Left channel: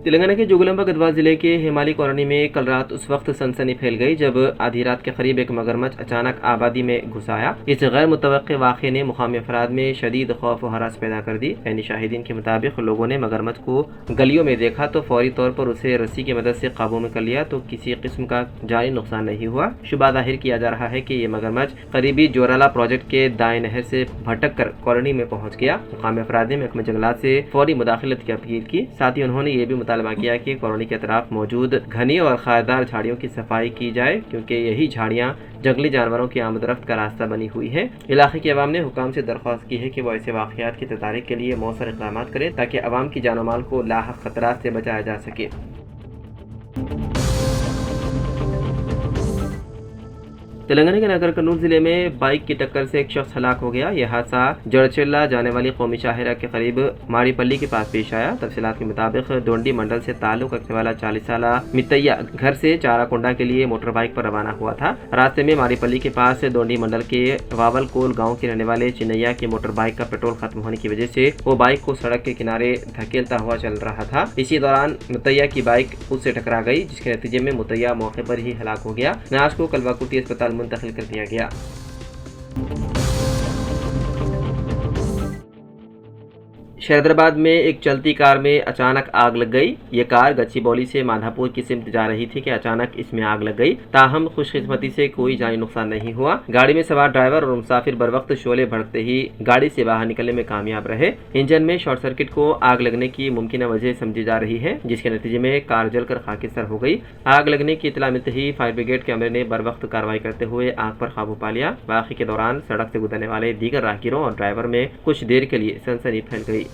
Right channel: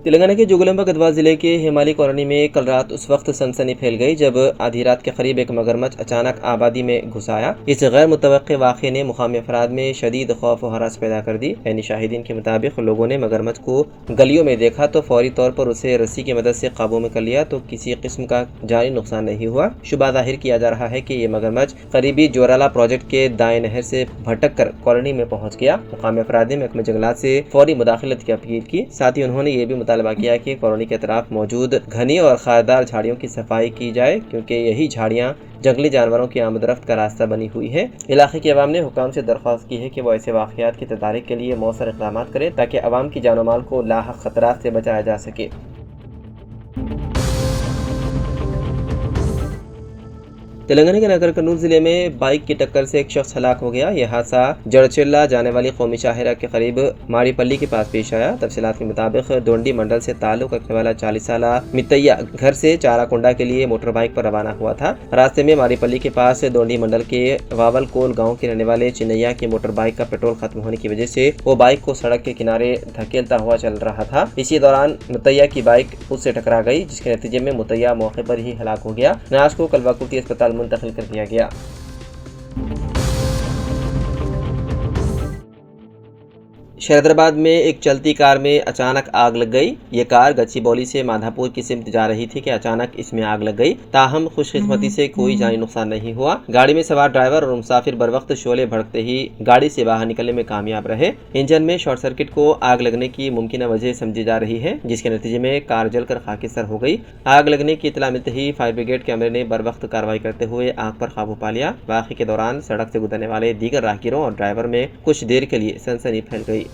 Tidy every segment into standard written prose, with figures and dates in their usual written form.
तेलंगाना के जोगुलांबा गढ़वाल जिले के हेमाली कॉलोनी में कल रात उस वक्त सनसनी फैल गई जब आधी रात के करीब एक मगरमच्छ अचानक आबादी में घुस आया। इस गैर मुतवक्के वाक़े ने मुकामी अफराद में शदीद खौफ और हरास पैदा कर दी। यानी शाहिदीन के मुताबिक लोगों ने मगरमच्छ को गलियों में देखा तो फौरी तौर पर उसे रस्सी की मदद से काबू में कर लिया तो किसी किस्म का जानी नुकसान नहीं हुआ। शुबा जाहिर किया जा रहा है कि ये मगरमच्छ करीबी जोराला प्रोजेक्ट के दाएं नहर से भटक कर कॉलोनी में पहुंच गया। मुकामी अफराद ने महकमा जंगलात से फौरी मुदाखलत की अपील की। साथ ही उन्होंने ये भी मुतालबा किया कि कॉलोनी के अतराफ मौजूद घनी और खारदार झाड़ियों की सफाई की जाए क्योंकि यही झाड़ियाँ जंगली जानवरों की आमदरफ्त का रास्ता बनी हुई है। इलाके के अवाम ने हुकाम से दरख्वास्त की है कि वो ऐसे वाक़यात की तदारीक के लिए मौसर इक़दाम करें ताकि अवाम की जान माल को लाहक खतरात से बचाया जा सके। तेलंगाना के नगर कन्नूर जिले में बाइक की टक्कर से एक शख्स हलाक हो गया। यह हादसा जड़चेल्ला जाने वाली कौमी शाहरा के करीब माड़ीपल्ली के पास पेश आया। तफसीलात के मुताबिक डोंडी मंडल से ताल्लुक रखने वाला 40 साला मितैया घर से चाराकोंडा के लिए मोटर बाइक पर रवाना हुआ था। रास्ते में माड़ीपल्ली के पास डोंडी मंडल के वावलकोल गाँव के रहने वाले चिन्नैया की मोटर बाइक का पेट्रोल खत्म होने की वजह से वो बाइक को सड़क के किनारे धकेलता हुआ चल रहा था। इसी दौरान मुतैया की बाइक उससे टकरा गई जिसके नतीजे में मुतैया मौके पर ही हलाक हो गया। नाज को कलवाकुर्ती अस्पताल मुंतकिल कर दिया गया। शहरदाबाद में एक चलती कार में अचानक आग लग गई। ये कार गच्चीबौली से माधापुर की सिमत जा रही थी कि अचानक इसमें आग लग गई। ताहम खुशकिस्मती से कोई जानी नुकसान नहीं हुआ। गाड़ी में सवार ड्राइवर और मुसाफिर बर वक्त शोले भड़कते ही गाड़ी से बाहर निकलने में कामयाब रहे। इंजन में शॉर्ट सर्किट को आग लगने की मुमकिन वजह समझी जा रही है जिसके नतीजे में कार जलकर खाकिसर हो गई। आग लगने की इतला मिलते ही फायर ब्रिगेड के अमले ने बर वक्त कार्रवाई करते हुए आग पर काबू पा लिया। वाक़े के दौरान सड़क से गुजरने वाले दीगर राहगीरों और ड्राइवर में कुछ देर के लिए सनसनी फैल गई।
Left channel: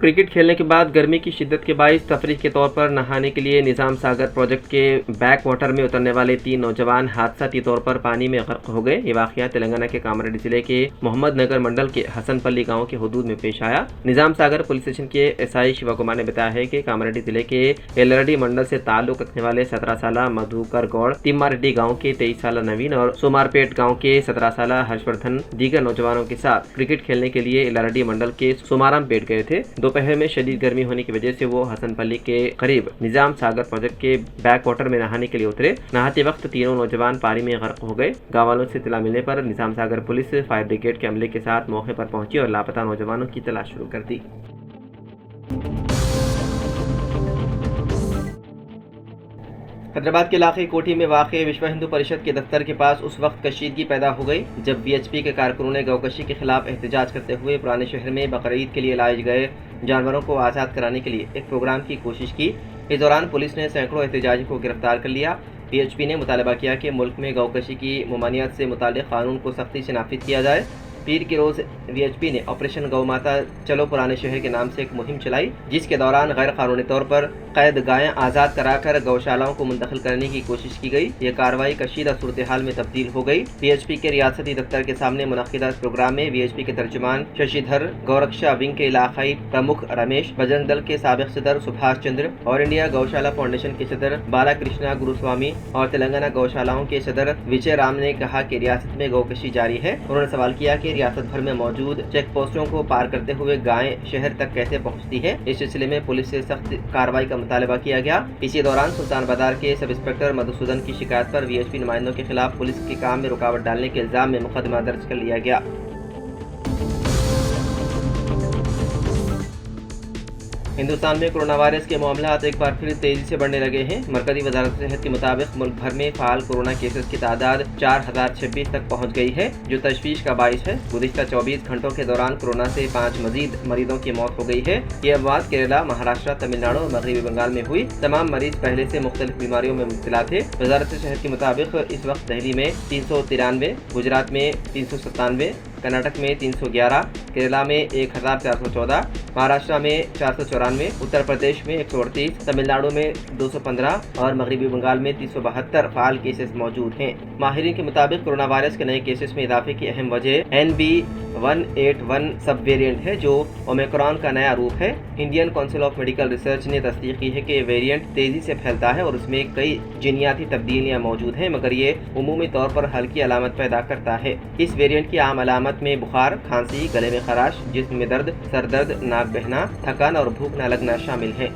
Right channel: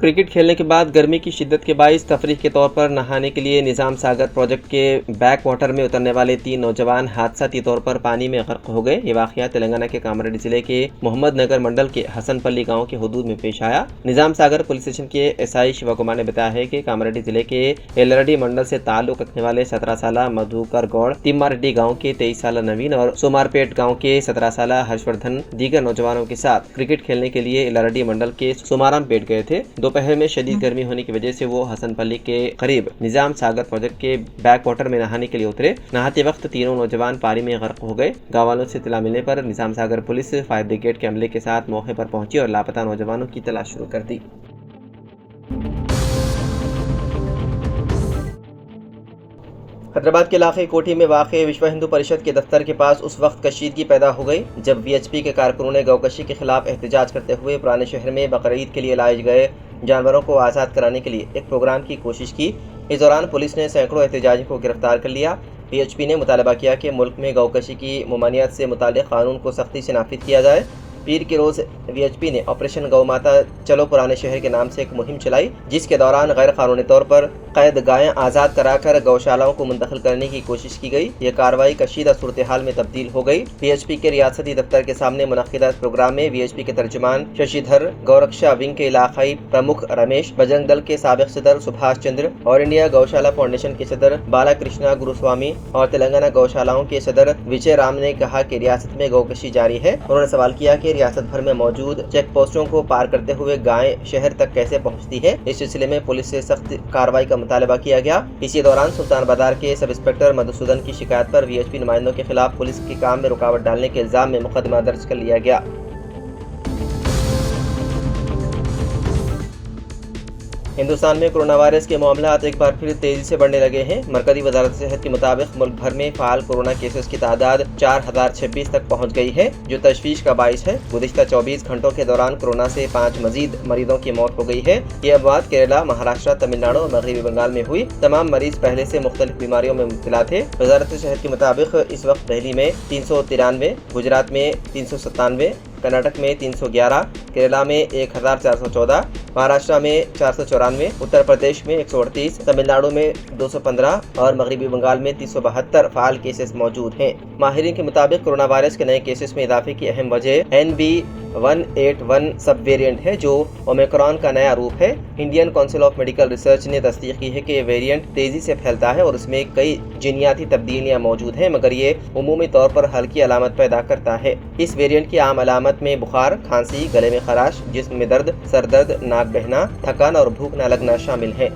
क्रिकेट खेलने के बाद गर्मी की शिद्दत के बाइस तफरीह के तौर पर नहाने के लिए निज़ाम सागर प्रोजेक्ट के बैक वाटर में उतरने वाले 3 नौजवान हादसाती तौर पर पानी में गर्क हो गए। ये वाक़या तेलंगाना के कामारेड्डी जिले के मोहम्मद नगर मंडल के हसनपल्ली गांव के हदूद में पेश आया। निज़ाम सागर पुलिस स्टेशन के एसआई शिवा कुमार ने बताया है कि कामारेड्डी जिले के एलरडी मंडल से ताल्लुक रखने वाले 17 साला मधुकर गौड़, तिम्मारेड्डी गाँव के 23 साला नवीन और सोमारपेट गाँव के 17 साला हर्षवर्धन दीगर नौजवानों के साथ क्रिकेट खेलने के लिए एलरडी मंडल के सोमारामपेट गए थे। दोपहर में शदीद गर्मी होने की वजह से वो हसनपल्ली के करीब निजाम सागर प्रोजेक्ट के बैक वाटर में नहाने के लिए उतरे। नहाते वक्त तीनों नौजवान पानी में गर्क हो गए। गाँव वालों से इत्तला मिलने पर निजाम सागर पुलिस फायर ब्रिगेड के अमले के साथ मौके पर पहुंची और लापता नौजवानों की तलाश शुरू कर दी। हैदराबाद के इलाके कोठी में वाक़ विश्व हिंदू परिषद के दफ्तर के पास उस वक्त कशीदगी पैदा हो गई जब वीएचपी के कारकुनों ने गौकशी के खिलाफ एहतजाज करते हुए पुराने शहर में बकरीद के लिए लाए गए जानवरों को आज़ाद कराने के लिए एक प्रोग्राम की कोशिश की। इस दौरान पुलिस ने सैकड़ों एहतजाजियों को गिरफ्तार कर लिया। वीएचपी ने मुतालबा किया कि मुल्क में गौकशी की ममानियत से मुताल्लिक़ कानून को सख्ती से नाफिज किया जाए। पीर के रोज़ वीएचपी ने ऑपरेशन गौ माता चलो पुराने शहर के नाम से एक मुहिम चलाई जिसके दौरान गैर कानूनी तौर पर कैद गायें आज़ाद कराकर गौशालाओं को मुंतकिल करने की कोशिश की गई। यह कार्रवाई कशीदा सूरत हाल में तब्दील हो गई। वीएचपी के रियासती दफ्तर के सामने मुनक्किदा प्रोग्राम में वीएचपी के तर्जुमान शशिधर, गौरक्षा विंग के इलाकाई प्रमुख रमेश, बजरंग दल के साबिक सदर सुभाष चंद्र, ऑल इंडिया गौशाला फाउंडेशन के सदर बालाकृष्णा गुरुस्वामी और तेलंगाना गौशालाओं के सदर विजय राम ने कहा कि रियासत में गौकशी जारी है। उन्होंने सवाल किया कि रियासत भर में मौजूद चेक पोस्टों को पार करते हुए गायें शहर तक कैसे पहुंचती है। इस सिलसिले में पुलिस से सख्त कार्रवाई का मुतालबा किया गया। इसी दौरान सुल्तान बाजार के सब इंस्पेक्टर मधुसूदन की शिकायत पर वीएचपी नुमाइंदों के खिलाफ पुलिस के काम में रुकावट डालने के इल्जाम में मुकदमा दर्ज कर लिया गया। हिंदुस्तान में कोरोना वायरस के मामला एक बार फिर तेजी से बढ़ने लगे हैं। मरकजी वजारत सेहत के मुताबिक मुल्क भर में फ़ाल कोरोना केसेस की तादाद 4026 तक पहुंच गई है जो तशवीश का बाइस है। गुज़िश्ता 24 घंटों के दौरान कोरोना से 5 मजीद मरीजों की मौत हो गई है। ये अमवात केरला, महाराष्ट्र, तमिलनाडु और मगरबी बंगाल में हुई। तमाम मरीज पहले से मुख्तलिफ बीमारियों में मुब्तला थे। वजारत सेहत के मुताबिक इस वक्त दिल्ली में 393, गुजरात में 397, कर्नाटक में 311, केरला में 1414, महाराष्ट्र में 494, उत्तर प्रदेश में 138, तमिलनाडु में 215 और मगरबी बंगाल में 372 फ़ाल केसेस मौजूद हैं। माहिरीन के मुताबिक कोरोना वायरस के नए केसेस में इजाफे की अहम वजह NB B.181 सब वेरिएंट है जो ओमिक्रॉन का नया रूप है। Indian council of medical research ने तस्दीक की है कि वेरिएंट तेजी से फैलता है और उसमें कई जीनियाती तब्दीलियां मौजूद हैं, मगर ये उमूमी तौर पर हल्की अलामत पैदा करता है। इस वेरिएंट की आम अलामत में बुखार, खांसी, गले में खराश, जिस्म में दर्द, सर दर्द, नाक बहना, थकान और भूख न लगना शामिल है।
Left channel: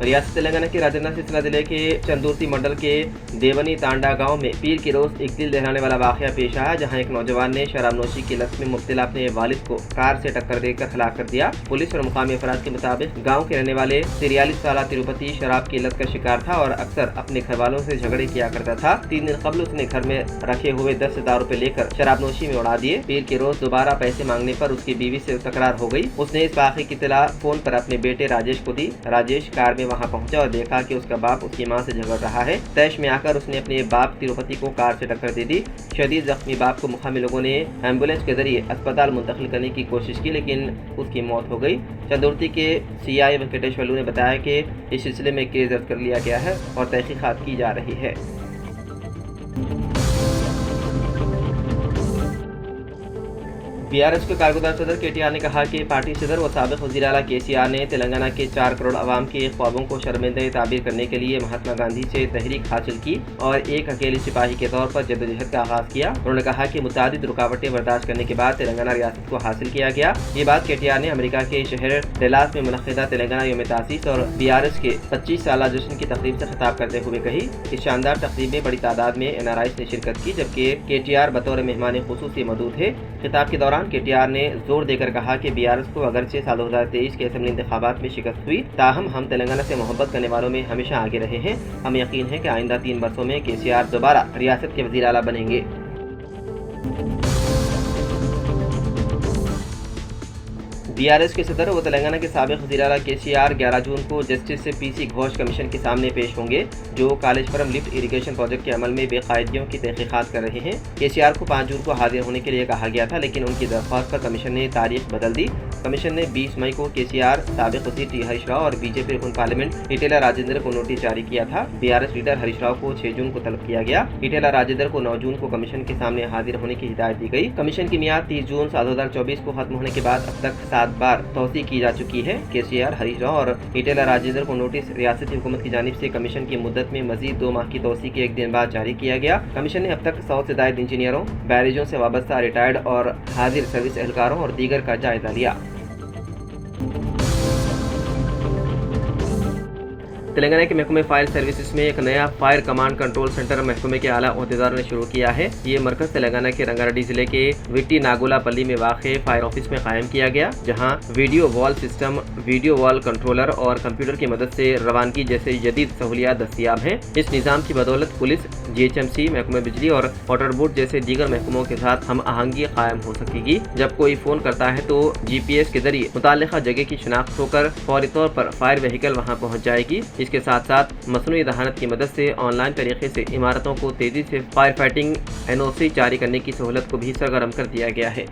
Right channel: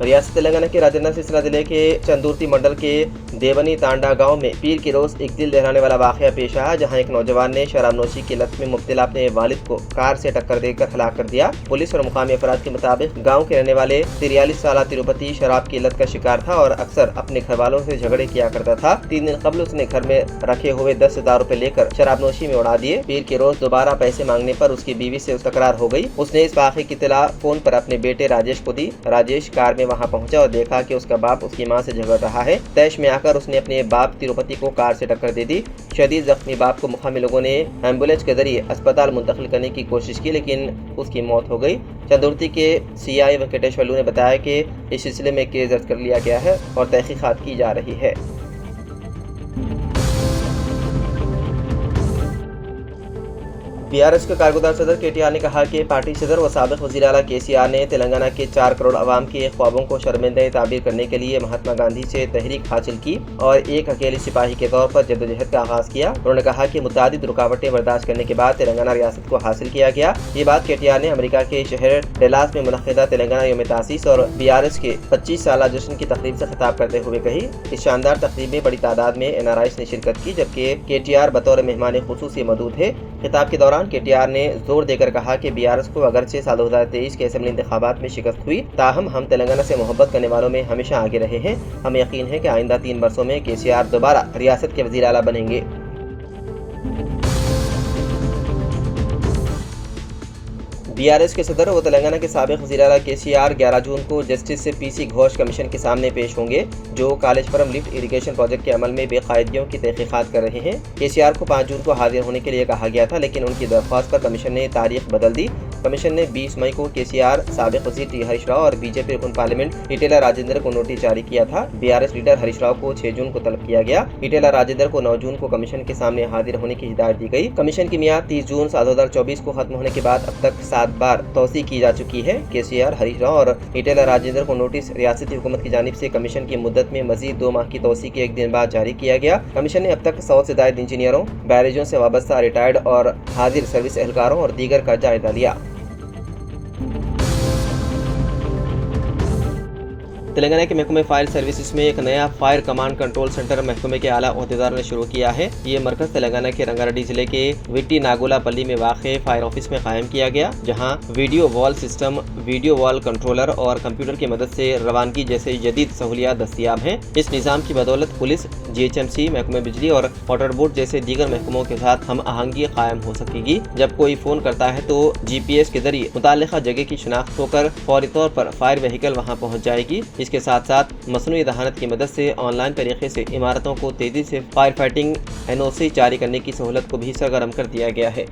रियासत तेलंगाना के राजन्ना सिलसिला जिले के चंदुर्ती मंडल के देवनी तांडा गांव में पीर के रोज एक दिल दहलाने वाला वाकया पेश आया, जहां एक नौजवान ने शराबनोशी की लत में मुब्तला अपने वालिद को कार से टक्कर देकर हलाक कर दिया। पुलिस और मुकामी अफराद के मुताबिक गांव के रहने वाले 43 साल तिरुपति शराब की लत का शिकार था और अक्सर अपने घर वालों से झगड़े किया करता था। 3 दिन कबल उसने घर में रखे हुए 10,000 रुपए लेकर शराबनोशी में उड़ा दिए। पीर के रोज दोबारा पैसे मांगने पर उसकी बीवी से तकरार हो गई। उसने इस वाकये की इत्तला फोन पर अपने बेटे राजेश को दी। राजेश कार में वहां पहुंचा और देखा कि उसका बाप उसकी मां से झगड़ रहा है। तैश में आकर उसने अपने बाप तिरुपति को कार से टक्कर दे दी। शदीद जख्मी बाप को मुकामी लोगों ने एम्बुलेंस के जरिए अस्पताल मुंतकिल करने की कोशिश की, लेकिन उसकी मौत हो गई। चंदुर्ती के CI वेंकटेश्वरलू ने बताया कि इस सिलसिले में केस दर्ज कर लिया गया है और तहकीकात की जा रही है। BRS के कारगुजार सदर KTR ने कहा कि पार्टी सदर व साबिक वज़ीर आला KCR ने तेलंगाना के 4 करोड़ आवाम के ख्वाबों को शर्मिंदा ताबीर करने के लिए महात्मा गांधी से तहरीक हासिल की और एक अकेले सिपाही के तौर पर जद्दोजहद का आगाज़ किया। उन्होंने कहा कि मुतादिद रुकावटें बर्दाश्त करने के बाद तेलंगाना रियासत को हासिल किया गया। ये बात KTR ने अमेरिका के शहर डलास में मुनक़िदा तेलंगाना यौम तासीस और BRS के 25 साला जश्न की तकरीब से खिताब करते हुए कही। इस शानदार तकरीब में बड़ी तादाद में NRIs ने शिरकत की, जबकि KTR बतौर मेहमान खुसूसी मौजूद थे। खिताब के दौरान KTR ने जोर देकर कहा कि BRS को अगरचे साल 2023 के असेंबली इंतखाबात में शिकस्त हुई, ताहम हम तेलंगाना से मोहब्बत करने वालों में हमेशा आगे रहे हैं। हमें यकीन है कि आइंदा 3 वर्षों में KCR दोबारा रियासत के वज़ीर आला बनेंगे। BRS के सदर व तेलंगाना के साबिक वज़ीर आला KCR 11 जून को जस्टिस PC घोष कमीशन के सामने पेश होंगे, जो कालेश्वरम लिफ्ट इरिगेशन प्रोजेक्ट के अमल में बेकायदगियों की तहकीकात कर रहे हैं। KCR को 5 जून को हाजिर होने के लिए कहा गया था, लेकिन उनकी दरख्वास्त पर कमीशन ने तारीख बदल दी। कमीशन ने 20 मई को KCR, साबिक वज़ीर T हरीश राव और BJP रुकन पार्लियामेंट इटेला राजेंद्र को नोटिस जारी किया था। BRS लीडर हरीश राव को 6 जून को तलब किया गया। इटेला राजेंद्र को 9 जून को कमीशन के सामने हाजिर होने की हिदायत दी गई। कमीशन की मियाद 30 जून 2024 को खत्म होने के बाद अब तक 7 बार तौसी की जा चुकी है। KCR, हरीश राव और इटेला राजेंद्र को नोटिस रियासती हुकूमत की जानिब से कमीशन की मुद्दत में मजीद 2 माह की तौसी के 1 दिन बाद जारी किया गया। कमीशन ने अब तक 100 से ज़ायद इंजीनियरों, बैरेजों से वाबस्ता रिटायर्ड और हाजिर सर्विस एहलकारों और दीगर का जायजा लिया। तेलंगाना के महकमे फायर सर्विसेज में एक नया फायर कमांड कंट्रोल सेंटर महकमे के आला ओहदेदारों ने शुरू किया है। ये मरकज तेलंगाना के रंगारेड्डी जिले के विट्टी नागोलापल्ली में वाक़े फायर ऑफिस में कायम किया गया, जहां video wall system, video wall controller और कंप्यूटर की मदद से रवानगी जैसे जदीद सहूलियात दस्तियाब हैं। इस निज़ाम की बदौलत पुलिस, GHMC, महकमे बिजली और वाटर बोर्ड जैसे दीगर महकमों के साथ हम आहंगी कायम हो सकेगी। जब कोई फ़ोन करता है तो GPS के जरिए मुताल्लिक़ा जगह की शिनाख्त होकर फौरी तौर पर फायर व्हीकल वहाँ पहुँच जाएगी। इसके साथ साथ मसनूई दहानत की मदद से ऑनलाइन तरीके से इमारतों को तेज़ी से फायर फाइटिंग NOC जारी करने की सहूलत को भी सरगर्म कर दिया गया है।